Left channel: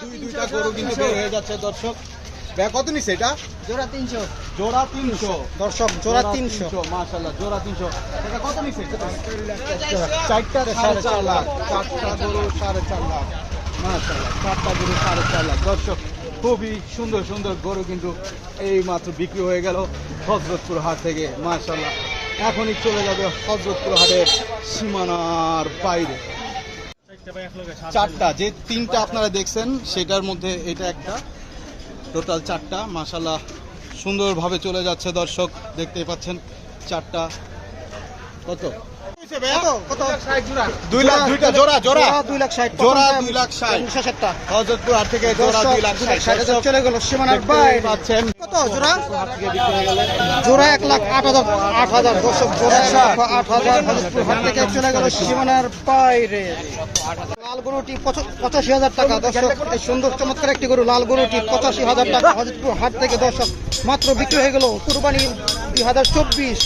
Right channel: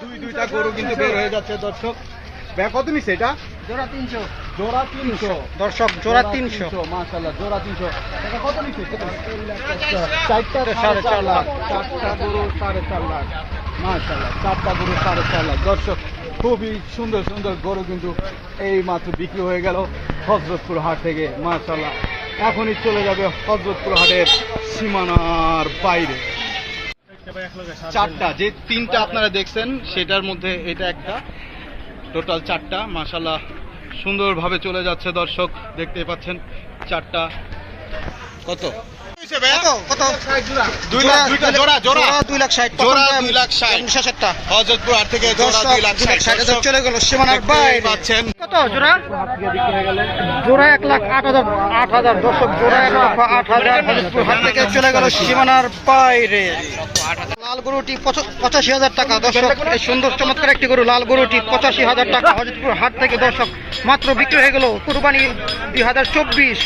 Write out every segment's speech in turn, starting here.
দুইটা গরু কিন্তু বের হয়ে যাচ্ছে দর্শক। ভাইয়া কত নিচ্ছে এটা? জোড়া 300। জোড়া 300 দর্শক, জোড়া 300। মাশাআল্লাহ, জোড়া 300। এটা কত নিচ্ছে? চারটা 4.5 লাখ। চারটা গরু 4.5 লাখ। মাশাআল্লাহ, চারটা গরু 4.5 লাখ। দর্শক, খুবই সুন্দর সুন্দর গরু কিন্তু এই মাত্র বিক্রি হয়ে গেল হযরতপুর হাট থেকে। মাশাআল্লাহ, এখনই চলে যাবে হযরতপুর হাটের সীমানার বাইরে। চারটা, যে তিনটা আপনারা দেখছেন সেটার মধ্যে এটা একটা, টোটাল চারটা। মাশাআল্লাহ, সুন্দরভাবে চলে যাচ্ছে দর্শক, দেখতে পাচ্ছেন চারটা। কত? কত? 2 লাখ। জোড়া 2 লাখ 60। জোড়া 2 লাখ 60। হযরতপুর হাট থেকে জোড়া 2 লাখ 60 চলে গেল সীমানার বাইরে। পাচ্ছেন কত জোড়া? জোড়া 1,08,000। দর্শক, জোড়া 1,08,000 হযরতপুর হাট থেকে চলে গেল সীমানার বাইরে। লাল গরুটি 85,000 টাকা। দর্শক, এই সুন্দর চমৎকার একটি গরু, লাল গরুটি 85,000 টাকা হযরতপুর হাট থেকে দর্শক মাত্র বিক্রি হয়ে গেল। কুরবানি 2024,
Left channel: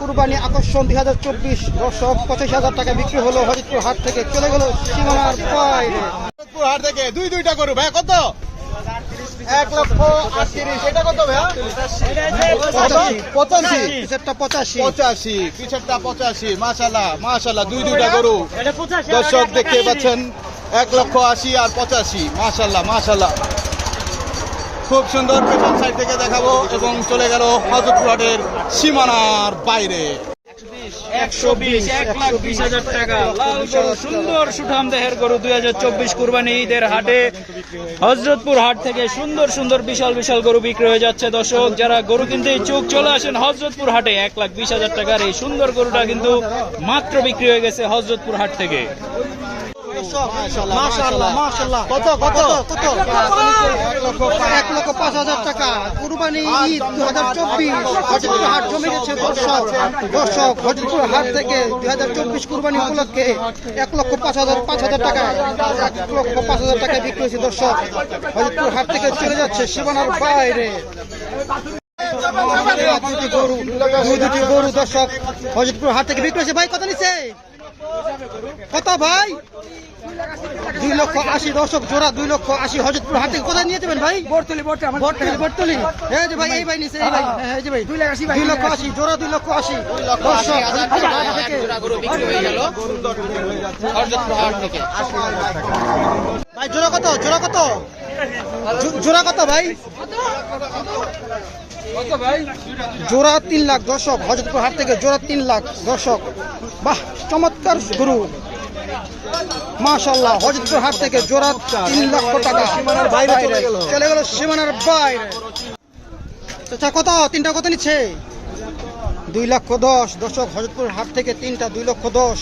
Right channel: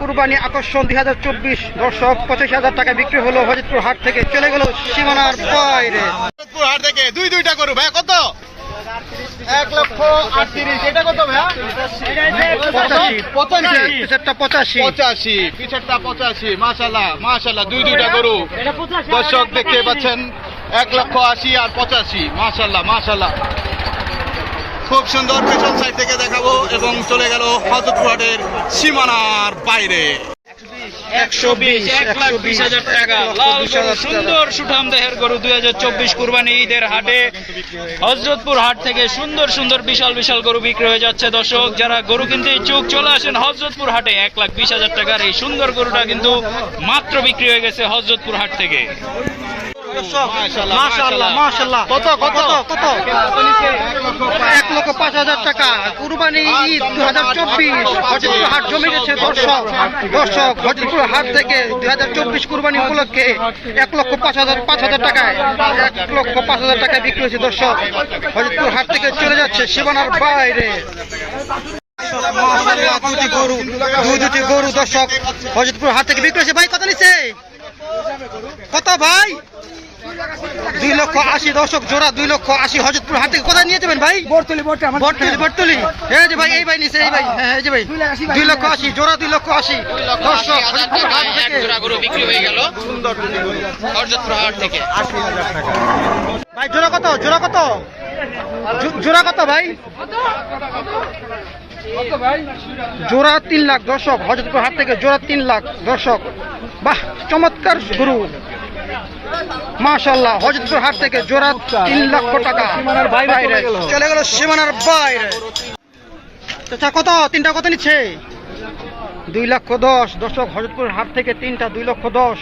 কুরবানি আকর্ষণ 2024 দর্শক 85,000 টাকা বিক্রি হলো হযরতপুর হাট থেকে, চলে গেল সীমানার বাইরে। হযরতপুর হাট থেকে দুইটা গরু। ভাই কত? 1,38,000। এটা কত ভাইয়া? 85। পিছেরটা 85। 85, পিছেরটা 85। মাশাআল্লাহ, মাশাআল্লাহ, দুইটা গরু দর্শক দেখতে পাচ্ছেন। 1,80,000 আর 85। মাশাআল্লাহ, মাশাআল্লাহ, খুব সুন্দর। পেছন সাইড থেকে দেখাবো এবং চলে গেল হযরতপুর হাটের সীমানার বাইরে। 1,20,000 টাকা লাল গরু, সুন্দর সুঠাম দেহের গরু 2024 কুরবানি ঈদের হাটে হযরতপুর হাট থেকে সুন্দর সুন্দর বিশাল বিশাল গরু বিক্রি হয়ে যাচ্ছে। দর্শক, যারা গরু কিনতে ইচ্ছুক চলে আসেন হযরতপুর হাটে। 1,20,000 টাকার এই সুন্দর গরুটা কিন্তু মাত্র বিক্রি হয়ে গেছে হযরতপুর হাট থেকে। মাশাআল্লাহ, মাশাআল্লাহ। কত? 1,05,000 টাকা। কুরবানি ঈদ 2024 হযরতপুর হাট জমে গেছে দর্শক। হযরতপুর হাট থেকে 2024 কুরবানি উপলক্ষে 1,05,000 টাকায় 1,05,000 টাকায় বিক্রি হয়েছে দর্শক। হযরতপুর হাট থেকে চলে যাচ্ছে সীমানার বাইরে। মাশাআল্লাহ, দুটি গরু দর্শক হযরতপুর হাট থেকে বিক্রি হয়েছে। ভাই কত নিচ্ছে? কত ভাই? 2,80,000 দর্শক, জোড়া 2,80,000 হযরতপুর হাট থেকে। কোথায় নিয়ে যাবেন ভাই? বটতলি। এই যে ভাই, এই ভাই নিছে, এই ভাই। হ্যাঁ, এই যে ভাই 2,80,000 জোড়া 2,80,000 দর্শক হযরতপুর হাট থেকে গরু বিক্রি হয়ে গেল হযরতপুর হাট থেকে। ভাই জোড়া কত? জোড়া কত ভাই? জোড়া 3 লাখ দর্শক, হযরতপুর হাট থেকে জোড়া 3 লাখ দর্শক। বাহ, চমৎকার গরু। মাশাআল্লাহ, হযরতপুর হাট থেকে জোড়া 3 লক্ষ টাকা বাইরে চলে গেল সীমানার বাইরে। আচ্ছা, কত? তিনটা কত নিচ্ছে? 2,10,000 দর্শক, হযরতপুর হাট থেকে তিনটা 2,10,000।